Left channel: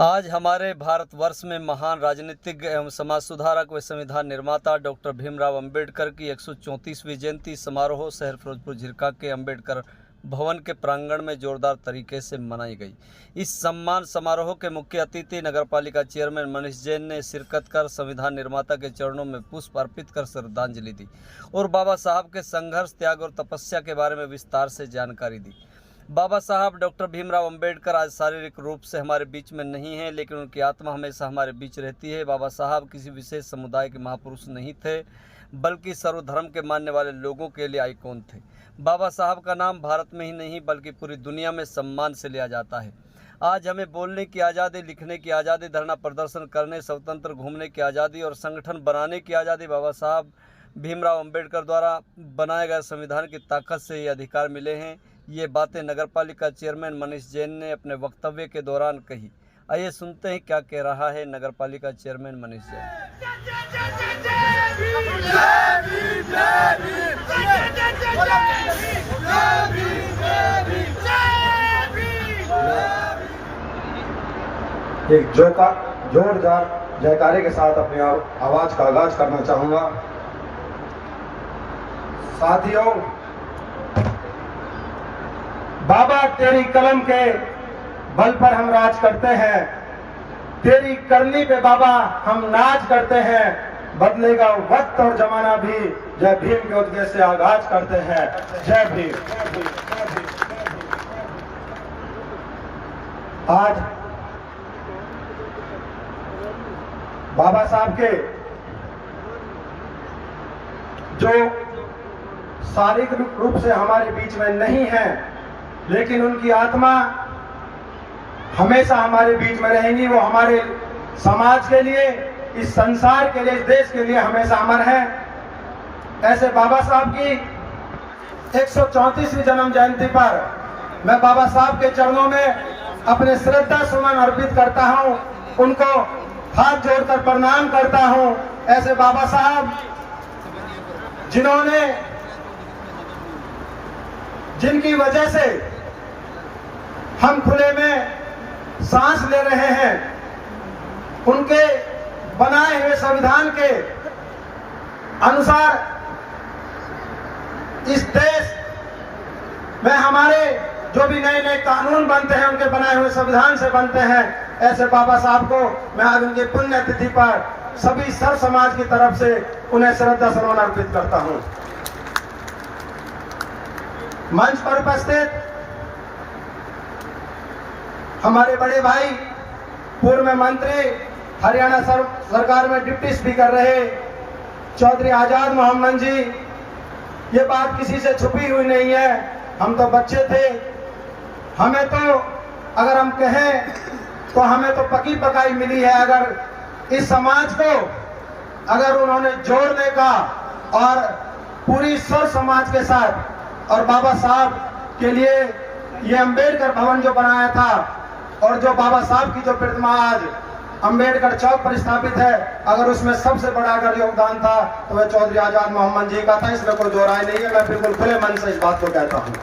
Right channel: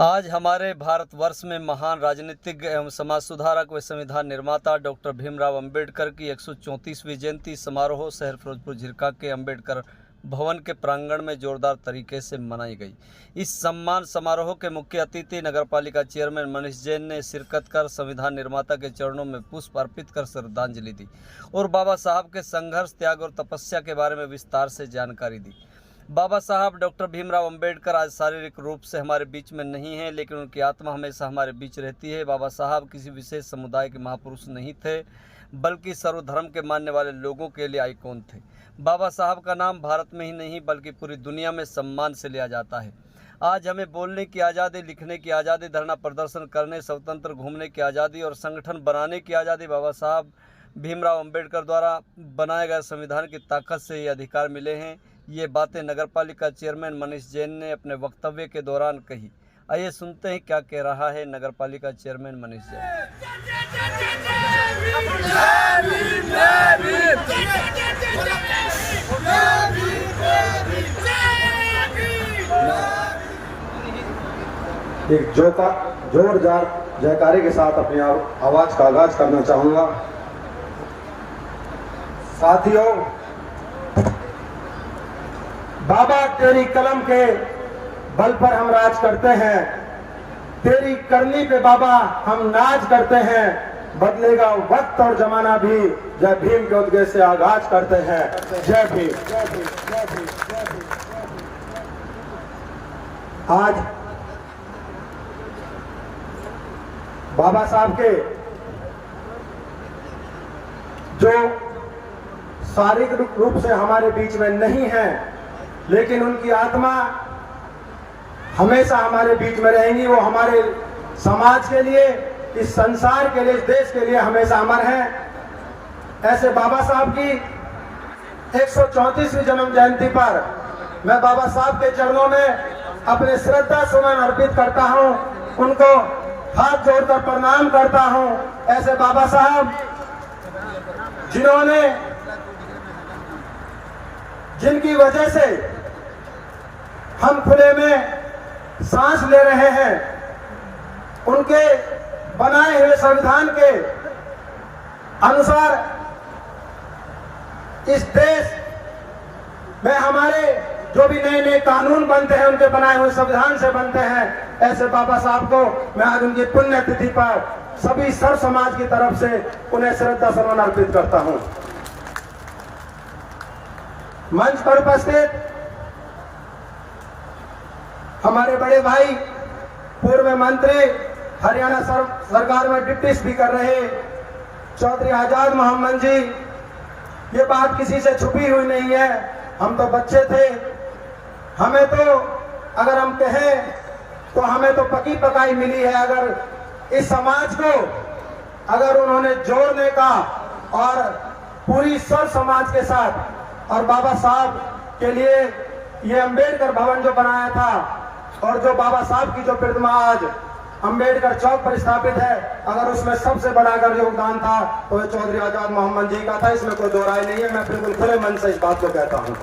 आज हमारे भारतवर्ष में महान राजनीतिज्ञ एवं समाज सुधारक व संविधान निर्माता डॉक्टर भीमराव अंबेडकर की 134वीं जयंती समारोह शहर फिरोजपुर झिरका के अंबेडकर भवन के प्रांगण में जोरदार तरीके से मनाई गई। इस सम्मान समारोह के मुख्य अतिथि नगरपालिका चेयरमैन मनीष जैन ने शिरकत कर संविधान निर्माता के चरणों में पुष्प अर्पित कर श्रद्धांजलि दी और बाबा साहब के संघर्ष, त्याग और तपस्या के बारे में विस्तार से जानकारी दी। बाबा साहब डॉक्टर भीमराव अंबेडकर आज शारीरिक रूप से हमारे बीच में नहीं हैं, लेकिन उनकी आत्मा हमेशा हमारे बीच रहती है। बाबा साहब किसी विशेष समुदाय के महापुरुष नहीं थे, बल्कि सर्वधर्म के मानने वाले लोगों के लिए आइकॉन थे। बाबा साहब का नाम भारत में ही नहीं बल्कि पूरी दुनिया में सम्मान से लिया जाता है। आज हमें बोलने की आज़ादी, लिखने की आज़ादी, धरना प्रदर्शन करने, स्वतंत्र घूमने की आज़ादी और संगठन बनाने की आज़ादी बाबा साहब भीमराव अंबेडकर द्वारा बनाए गए संविधान की ताकत से ये अधिकार मिले हैं। ये बातें नगरपालिका चेयरमैन मनीष जैन ने अपने वक्तव्य के दौरान कही। आइए सुनते हैं क्या कह रहा है नगरपालिका चेयरमैन मनीष जैन। एक जोरदार जयकारे के साथ अपनी आवाज का आगाज करना चाहूंगा। साथियों, बाबा तेरी कलम के बल पर हम राज करते हैं, तेरी करनी पे बाबा हम नाज करते हैं। बदलेगा वक्त और जमाना भी, जय भीम के उद्देश्य से आगाज करते हैं। जय भीम। आज बाबा साहब के जो शारीरिक रूप से हमारे बीच में नहीं है, लेकिन उनकी आत्मा हमेशा हमारे बीच में रहेंगी। वो हमारे समाज के लिए, इस संसार के लिए, इस देश के लिए हमेशा अमर है। ऐसे बाबा साहब की 134वीं जन्म जयंती पर मैं बाबा साहब के चरणों में अपने श्रद्धा सुमन अर्पित करता हूं, उनको हाथ जोड़कर प्रणाम करता हूं। ऐसे बाबा साहब जिनकी वजह से हम खुले में सांस ले रहे हैं, उनके बनाए हुए संविधान के अनुसार इस देश में हमारे जो भी नए नए कानून बनते हैं, उनके बनाए हुए संविधान से बनते हैं। ऐसे बाबा साहब को मैं आज उनकी पुण्यतिथि पर सभी सर्व समाज की तरफ से उन्हें श्रद्धा सुमन अर्पित करता हूं। मंच पर उपस्थित हमारे बड़े भाई, पूर्व मंत्री, हरियाणा सरकार में डिप्टी स्पीकर रहे चौधरी आजाद मोहम्मद जी, ये बात किसी से छुपी हुई नहीं है। हम तो बच्चे थे, हमें तो अगर हम कहें तो हमें तो पकी पकाई मिली है। अगर इस समाज को अगर उन्होंने जोड़ने का और पूरी सर्व समाज के साथ और बाबा साहब के लिए ये अंबेडकर भवन जो बनाया था और जो बाबा साहब की जो प्रतिमा आज अंबेडकर चौक पर स्थापित है, अगर उसमें सबसे बड़ा अगर योगदान था तो वह चौधरी आजाद मोहम्मद जी का था। इसमें कोई दो राय नहीं है। मैं बिल्कुल खुले मन से इस बात को कहता हूं।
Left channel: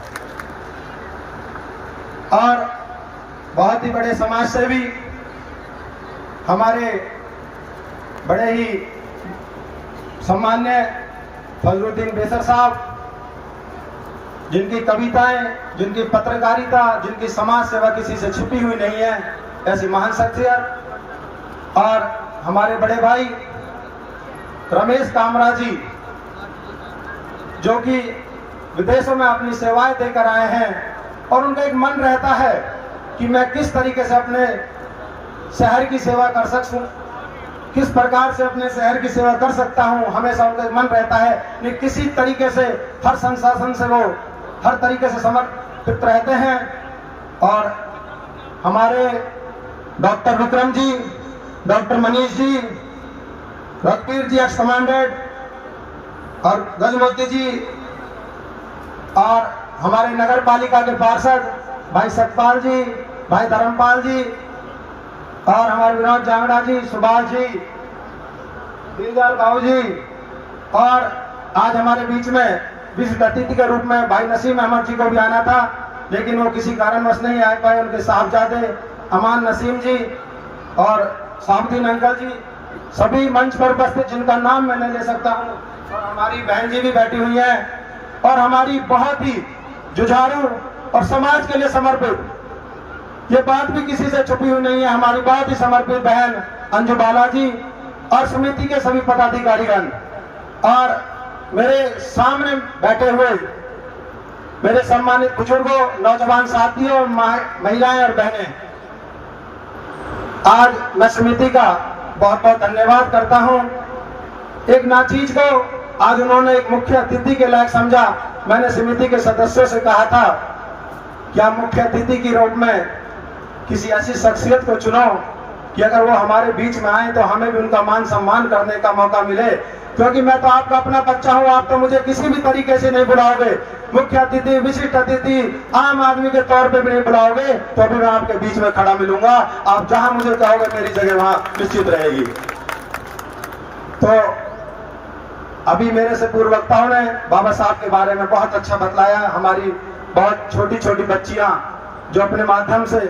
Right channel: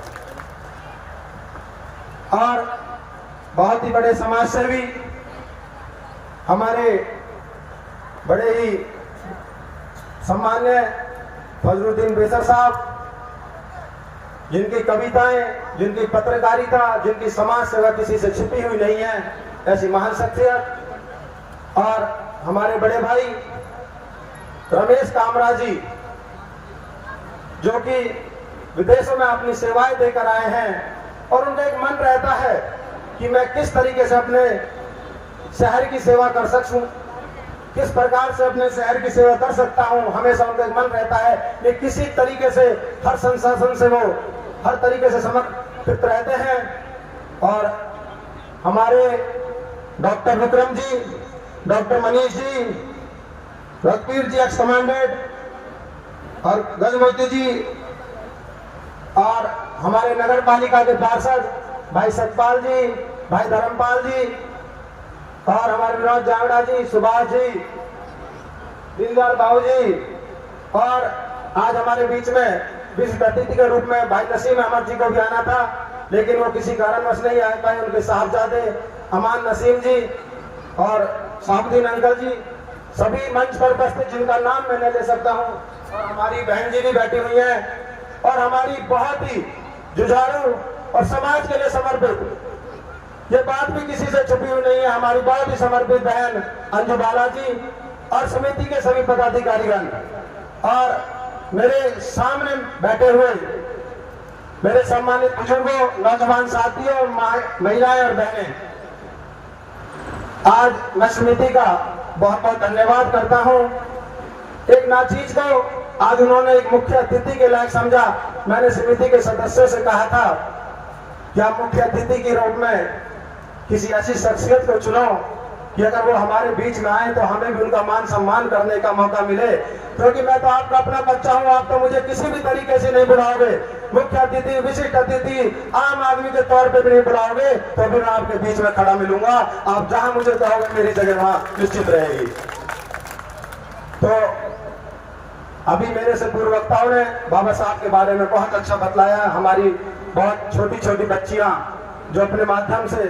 और बहुत ही बड़े समाज सेवी हमारे बड़े ही सम्मान्य फजलुद्दीन बेसर साहब, जिनकी कविताएं, जिनकी पत्रकारिता, जिनकी समाज सेवा किसी से छुपी हुई नहीं है, ऐसी महान शख्सियत। और हमारे बड़े भाई रमेश कामरा जी, जो कि विदेशों में अपनी सेवाएं देकर आए हैं, और उनका एक मन रहता है कि मैं किस तरीके से अपने शहर की सेवा कर सकूं, किस प्रकार से अपने शहर की सेवा कर सकता हूं। हमेशा उनका मन रहता है कि किसी तरीके से हर संसाधन से वो हर तरीके से समर्पित रहते हैं। और हमारे डॉक्टर विक्रम जी, डॉक्टर मनीष जी, रत्कीर जी एक्स कमांडेंट, और गजमोती जी, और हमारे नगर पालिका के पार्षद भाई सतपाल जी, भाई धर्मपाल जी, और हमारे विनोद जांगड़ा जी, सुभाष जी, दिलदार बाबू जी, और आज हमारे बीच में विशिष्ट अतिथि के रूप में भाई नसीम अहमद जी को भी आना था, लेकिन वो किसी कारणवश नहीं आ पाए। उनके साहबजादे अमान नसीम जी, और साबुद्दीन अंकल जी, सभी मंच पर उपस्थित जिनका नाम मैं नहीं ले सकता हूँ, और हमारी बहन जी भी बैठी हुई हैं, और हमारी बहुत ही जुझारू और समाज के लिए समर्पित, ये बात भी किसी से छुपी हुई नहीं है, हमारी बहुत ही समर्पित बहन अंजू बाला जी और समिति के सभी पदाधिकारीगण, और मेरे सामने बैठे हुए मेरे सम्मानित बुजुर्गों, नौजवान साथियों, महिलाएं और बहनें, आज मैं समिति का बहुत बहुत धन्यवाद करता हूं। एक नाचीज को आज उन्होंने एक मुख्य अतिथि के लायक समझा। मैंने समिति के सदस्यों से कहा था कि आप मुख्य अतिथि के रूप में किसी ऐसी शख्सियत को चुनो कि अगर वो हमारे बीच में आए तो हमें भी उनका मान सम्मान करने का मौका मिले, क्योंकि मैं तो आपका अपना बच्चा हूं, आप तो मुझे किसी भी तरीके से नहीं बुलाओगे, मुख्य अतिथि, विशिष्ट अतिथि, आम आदमी के तौर पे भी नहीं बुलाओगे, तो भी मैं आपके बीच में खड़ा मिलूंगा। आप जहां मुझे कहोगे मेरी जगह वहां निश्चित रहेगी। तो अभी मेरे से पूर्व वक्ताओं ने बाबा साहब के बारे में बहुत अच्छा बतलाया। हमारी बहुत छोटी छोटी बच्चियां जो अपने माध्यम से,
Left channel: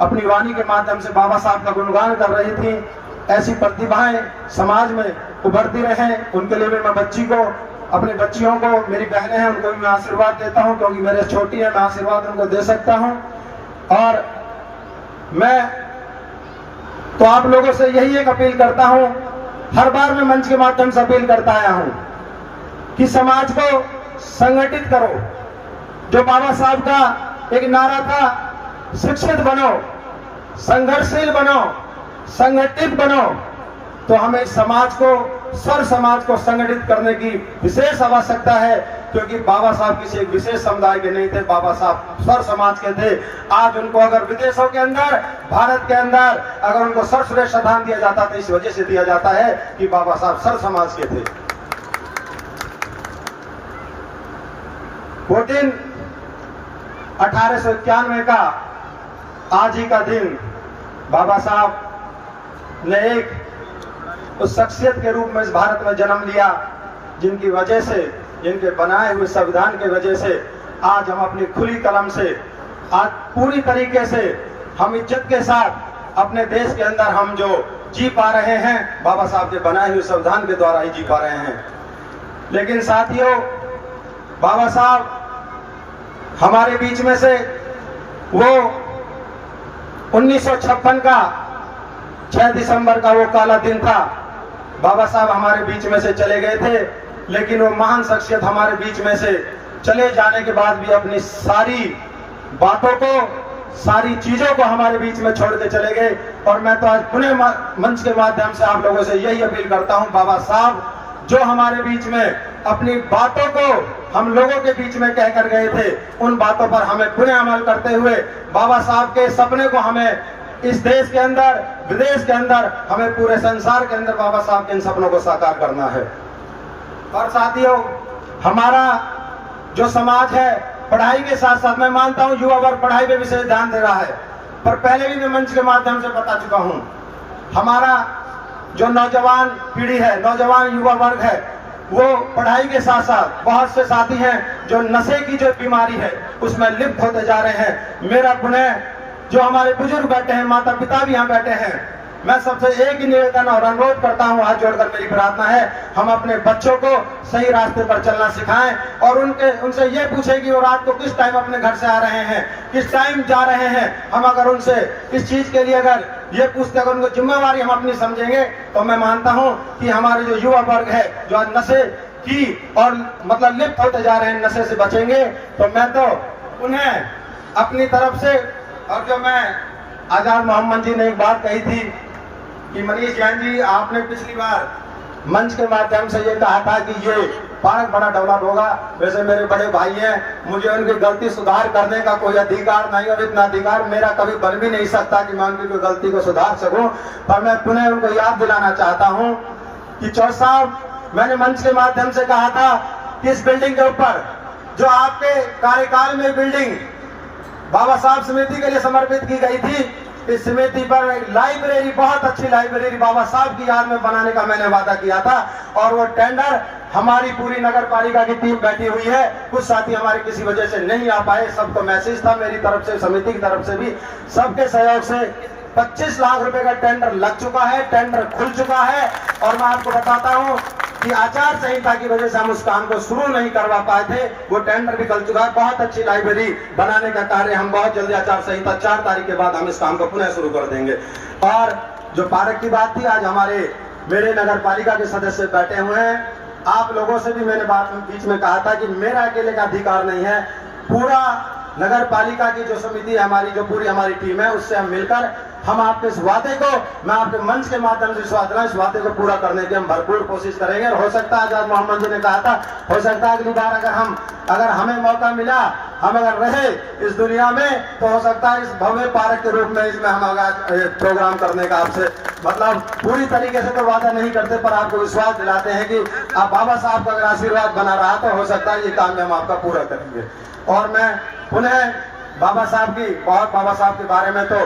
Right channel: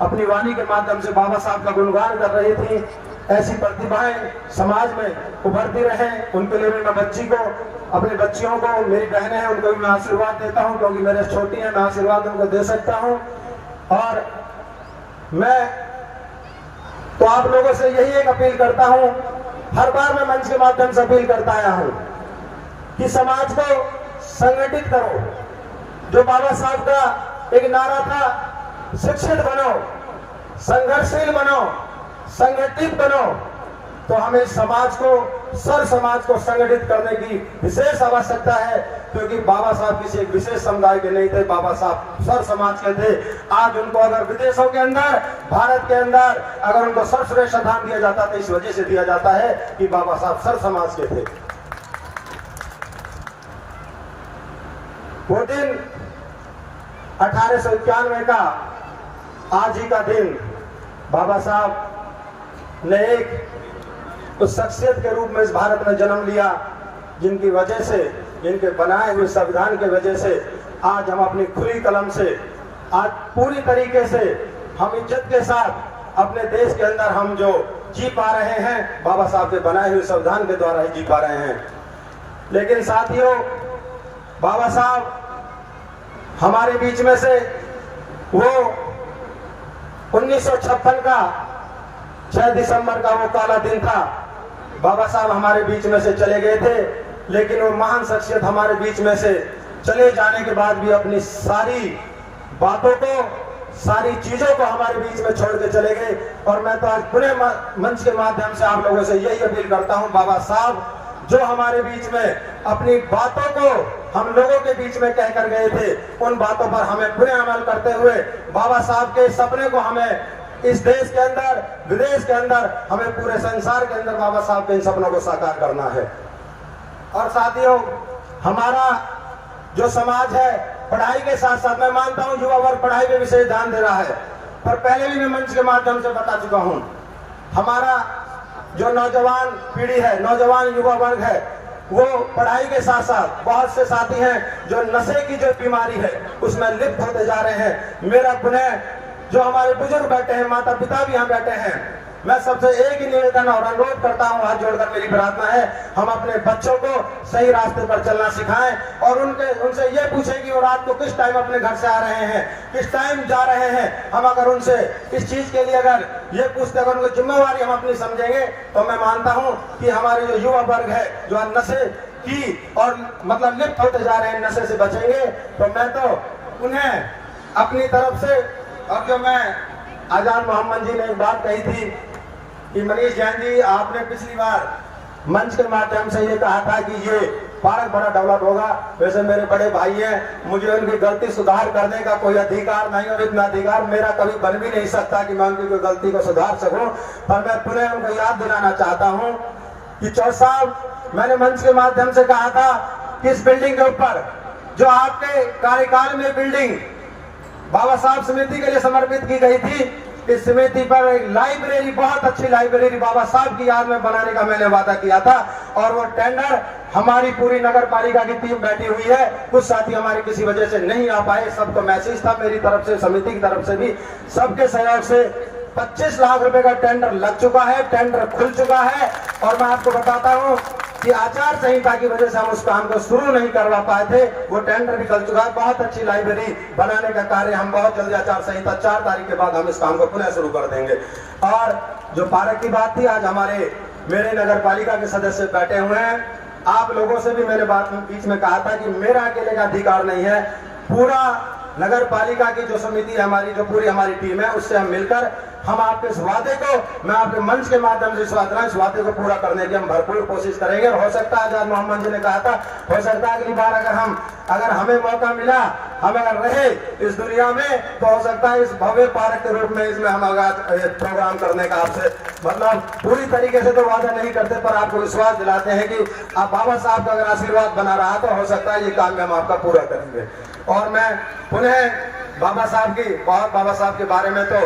अपनी वाणी के माध्यम से बाबा साहब का गुणगान कर रही थी, ऐसी प्रतिभाएं समाज में उभरती रहें, उनके लिए भी मैं बच्ची को, अपने बच्चियों को, मेरी बहनें हैं उनको भी मैं आशीर्वाद देता हूं, क्योंकि मेरे छोटी है, मैं आशीर्वाद उनको दे सकता हूं। और मैं तो आप लोगों से यही एक अपील करता हूं, हर बार मैं मंच के माध्यम से अपील करता आया हूं कि समाज को संगठित करो। जो बाबा साहब का एक नारा था, शिक्षित बनो, संघर्षशील बनो, संगठित बनो, तो हमें इस समाज को, सर समाज को संगठित करने की विशेष आवश्यकता है, क्योंकि बाबा साहब किसी एक विशेष समुदाय के नहीं थे, बाबा साहब सर समाज के थे। आज उनको अगर विदेशों के अंदर, भारत के अंदर अगर उनको सर्वश्रेष्ठ स्थान दिया जाता तो इस वजह से दिया जाता है कि बाबा साहब सर समाज के थे। वो दिन 1891 का आज ही का दिन बाबा साहब ने एक उस शख्सियत के रूप में इस भारत में जन्म लिया, जिनकी वजह से, जिनके बनाए हुए संविधान के वजह से आज हम अपनी खुली कलम से, आज पूरी तरीके से हम इज्जत के साथ अपने देश के अंदर हम जो जी पा रहे हैं, बाबा साहब के बनाए हुए संविधान के द्वारा ही जी पा रहे हैं। लेकिन साथियों, बाबा साहब हमारे बीच में से, वो 1956 का 6 दिसंबर का वो काला दिन था, बाबा साहब हमारे बीच में से चले गए थे। लेकिन वो महान शख्सियत हमारे बीच में से चले जाने के बाद भी अपनी सारी बातों को, सारी चीजों को हमारे बीच में छोड़ के चले गए। और मैं तो आज पुणे मंच के माध्यम से आप लोगों से यही अपील करता हूं, बाबा साहब जो हमारे बीच में अपनी बातों को हम लोगों के बीच में कह कर गए थे, उन बातों पर हमें पुनः अमल करते हुए बाबा साहब के सपने को हमें इस देश के अंदर, विदेश के अंदर, हमें पूरे संसार के अंदर बाबा साहब के इन सपनों को साकार करना है। और साथियों, हमारा जो समाज है, पढ़ाई के साथ साथ मैं मानता हूं युवा वर्ग पढ़ाई पे विशेष ध्यान दे रहा है, पर पहले भी मैं मंच के माध्यम से बता चुका हूं, हमारा जो नौजवान पीढ़ी है, नौजवान युवा वर्ग है, वो पढ़ाई के साथ साथ बहुत से साथी हैं जो नशे की जो बीमारी है उसमें लिप्त होते जा रहे हैं। मेरा पुनः जो हमारे बुजुर्ग बैठे हैं, माता पिता भी यहाँ बैठे हैं, मैं सबसे एक ही निवेदन और अनुरोध करता हूँ, हाथ जोड़कर मेरी प्रार्थना है, हम अपने बच्चों को सही रास्ते पर चलना सिखाएं और उनसे ये पूछें कि वो रात को किस टाइम अपने घर से आ रहे हैं, किस टाइम जा रहे हैं। हम अगर उनसे इस चीज के लिए अगर ये पूछते, अगर उनकी जिम्मेवारी हम अपनी समझेंगे, तो मैं मानता हूँ कि हमारे जो युवा वर्ग है जो आज नशे की और मतलब लिप्त होते जा रहे हैं, नशे से बचेंगे। तो मैं तो उन्हें अपनी तरफ से, और जो मैं आजाद मोहम्मद जी ने एक बात कही थी कि मनीष जैन जी, आपने पिछली बार मंच के माध्यम से ये कहा था कि ये पार्क बड़ा डेवलप होगा। वैसे मेरे बड़े भाई हैं, मुझे उनकी गलती सुधार करने का कोई अधिकार नहीं, और इतना अधिकार मेरा कभी बन भी नहीं सकता कि मैं उनकी कोई गलती को सुधार सकूं। पर मैं पुनः उनको याद दिलाना चाहता हूं कि चौधरी साहब, मैंने मंच के माध्यम से कहा था कि इस बिल्डिंग के ऊपर जो आपके कार्यकाल में बिल्डिंग बाबा साहब समिति के लिए समर्पित की गई थी, इस समिति पर एक लाइब्रेरी, बहुत अच्छी लाइब्रेरी बाबा साहब की याद में बनाने का मैंने वादा किया था। और वो टेंडर हमारी पूरी नगर पालिका की टीम बैठी हुई है, कुछ साथी हमारे किसी वजह से नहीं आ पाए, सबको मैसेज था मेरी तरफ से, समिति की तरफ से भी, सबके सहयोग से 25 लाख रुपए का टेंडर लग चुका है, टेंडर खुल चुका है। और मैं आपको बताता हूं कि आचार संहिता की वजह से हम उस काम को शुरू नहीं करवा पाए थे, वो टेंडर भी चल चुका है। बहुत अच्छी लाइब्रेरी बनाने का कार्य हम बहुत जल्दी, आचार संहिता 4 तारीख के बाद हम इस काम को पुनः शुरू कर देंगे। और जो पार्क की बात थी, आज हमारे मेरे नगर पालिका के सदस्य बैठे हुए हैं। आप लोगों से भी मैंने बात बीच में कहा था कि मेरा अकेले का अधिकार नहीं है, पूरा नगर पालिका की जो समिति है हमारी, जो पूरी हमारी टीम है, उससे हम मिलकर हम आपके इस वादे को, मैं आपके मंच के माध्यम से इस वादे को पूरा करने की हम भरपूर कोशिश करेंगे। और हो सकता है, आजाद मोहम्मद जी ने कहा था, हो सकता है अगली बार अगर हमें मौका मिला, हम अगर रहे इस दुनिया में, तो हो सकता है इस भव्य पार्क के रूप में इसमें हम प्रोग्राम करने का आपसे, मतलब पूरी तरीके से तो वादा नहीं करते, पर आपको विश्वास दिलाते हैं कि आप बाबा साहब का अगर आशीर्वाद बना रहा तो हो सकता है ये काम में हम आपका पूरा करेंगे। और मैं पुनः बाबा साहब के बारे में तो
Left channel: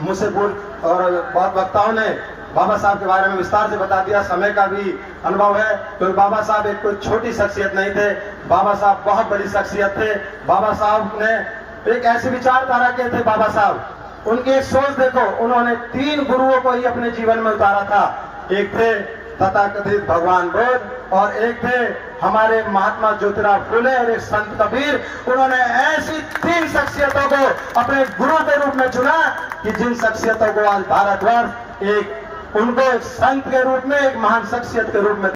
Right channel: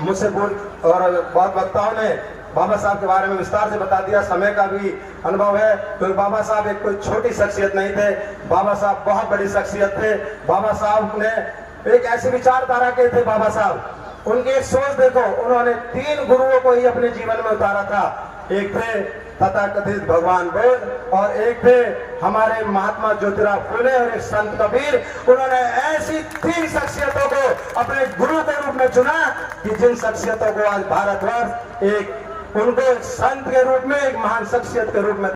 मुझसे और बहुत वक्ताओं ने बाबा साहब के बारे में विस्तार से बता दिया, समय का भी अनुभव है। तो बाबा साहब एक कोई छोटी शख्सियत नहीं थे, बाबा साहब बहुत बड़ी शख्सियत थे। बाबा साहब ने एक ऐसी विचारधारा के थे बाबा साहब, उनकी एक सोच देखो, उन्होंने 3 गुरुओं को ही अपने जीवन में उतारा था। एक थे तथाकथित भगवान बुद्ध, और एक थे हमारे महात्मा ज्योतिराव फुले, और एक संत कबीर। उन्होंने ऐसी 3 शख्सियतों को अपने गुरु के रूप में चुना कि जिन शख्सियतों को आज भारतवर्ष एक उनको एक संत के रूप में, एक महान शख्सियत के रूप में